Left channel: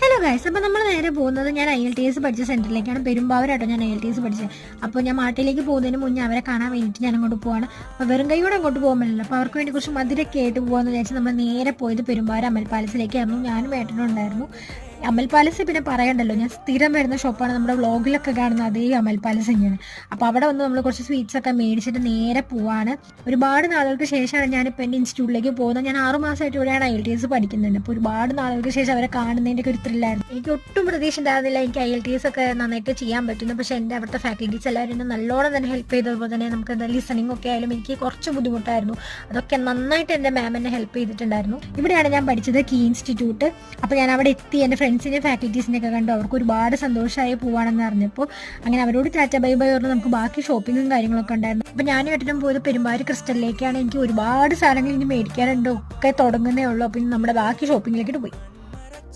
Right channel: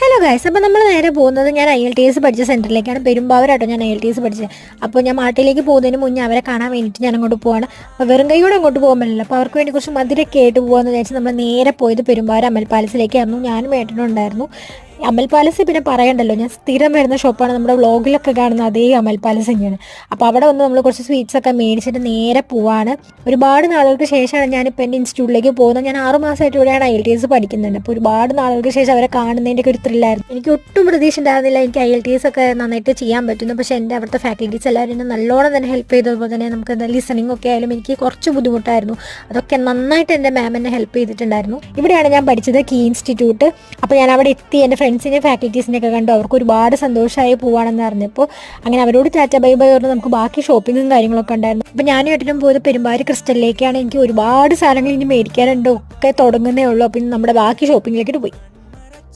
Hello guys, അപ്പോൾ നമ്മൾ നേരെ പോകുന്നത് ഞാൻ IELTS പഠിച്ച സെൻറ്ററിലേക്കാണ്. പെരുമ്പാവൂരാട്ടോ ഞാൻ IELTS പഠിച്ചത്. അപ്പോൾ ഞാൻ മാട്ടിലേക്ക് പോകുന്നതിന് മുന്നേ അവരെ കാണാൻ വേണ്ടിയിട്ട് ഞാൻ അങ്ങോട്ട് പോവാണ്. അപ്പോൾ വെറും കൈയോടെ അങ്ങോട്ട് പോകാൻ പറ്റില്ല. അപ്പോൾ അവർക്ക് വേണ്ടി കുറച്ച് മധുരമൊക്കെ ആയിട്ട് പോകാമെന്ന് വിചാരിച്ച് നമ്മൾ നേരെ പോയത് പെരുമ്പാവൂർ അമൽ പാലസിലേക്കായിരുന്നു. ഞാനും ഏട്ടനും ഉണ്ടായിരുന്നു. അമൽ പാലസ് പിന്നെ പറയണ്ടല്ലോ, ഞാൻ സ്ഥിരം വരുന്ന ഷോപ്പാണ്. നമ്മുടെ വ്ളോഗിലൊക്കെ കാണുന്ന അതേ അമൽ പാലസ് തന്നെയാണ്. അപ്പോൾ അവിടെ വന്ന് നമ്മൾ കുറച്ച് സ്വീറ്റ്സൊക്കെ മേടിച്ചിട്ട് നേരെ പോവാണ്. ഒരുപാട് നാളുകൾക്ക് ശേഷമാണ് ഞാനിപ്പോൾ എൻ്റെ ഇൻസ്റ്റിറ്റ്യൂട്ടിലേക്ക് പോകുന്നത്. ഞാൻ 6 മാസമായിട്ട് ഇവിടെയാണ് IELTS പഠിക്കുന്നുണ്ട്. അപ്പോൾ ഒരുപാട് നാളുകൾക്ക് ശേഷം അവരെ കാണുന്നതിൻ്റെയൊക്കെ ഒരു ത്രില്ലായിരുന്നു. എനിക്ക് ഒട്ടും പ്രതീക്ഷ ഉണ്ടായിരുന്നില്ല എനിക്ക് IELTS ഒക്കെ നന്നായിട്ട് ചെയ്യാൻ പറ്റുന്നു. പക്ഷേ എൻ്റെ അവിടുത്തെ ഫാക്കൽറ്റീസ് എല്ലാവരും എന്നെ നല്ലോണം തന്നെ ഹെൽപ്പ് ചെയ്തതുപോലെ തന്നെ നമുക്ക് ലിസണിങ് ഒക്കെ ആയാലും എനിക്ക് കുറച്ച് ബുദ്ധിമുട്ടായിരുന്നു. അതൊക്കെ നന്നായിട്ട് എൻ്റെ മാം എന്നെ ഹെൽപ്പ് ചെയ്തിട്ടുണ്ടായിരുന്നു. ഇവിടെയാണ് ഞാൻ പഠിച്ചത്, കീ ഇൻസ്റ്റിറ്റ്യൂട്ട്. അപ്പോൾ ഞാൻ അവിടെ എത്തി എൻ്റെ ഫ്രണ്ട്സിനെയും ഫാക്കൽറ്റീസിനെയൊക്കെ കണ്ടു. അവർക്ക് ഒരുപാട് സന്തോഷമായി പോവാണെന്ന് അറിഞ്ഞപ്പോൾ അങ്ങനെ അവരോട് ടാറ്റ ബൈ ബൈ പറഞ്ഞു. നമുക്ക് ബാക്കി ഷോപ്പിങ്ങും കാര്യങ്ങളൊക്കെ ഉണ്ടായിരുന്നു. അപ്പോൾ ഞാനും ഏട്ടനും പോയത് പെരുമ്പാവൂർ ക്രിസ്റ്റലിലേക്കാണ്. എനിക്ക് ഒരുപാട് സാധനങ്ങൾ ഇനി മേടിക്കാനുണ്ട്, ഒക്കെ തുടങ്ങുന്നേ ഉള്ളൂ. അപ്പം നമ്മുടെ ബാക്കി ഷോപ്പിങ്ങിലേക്ക് പോയി.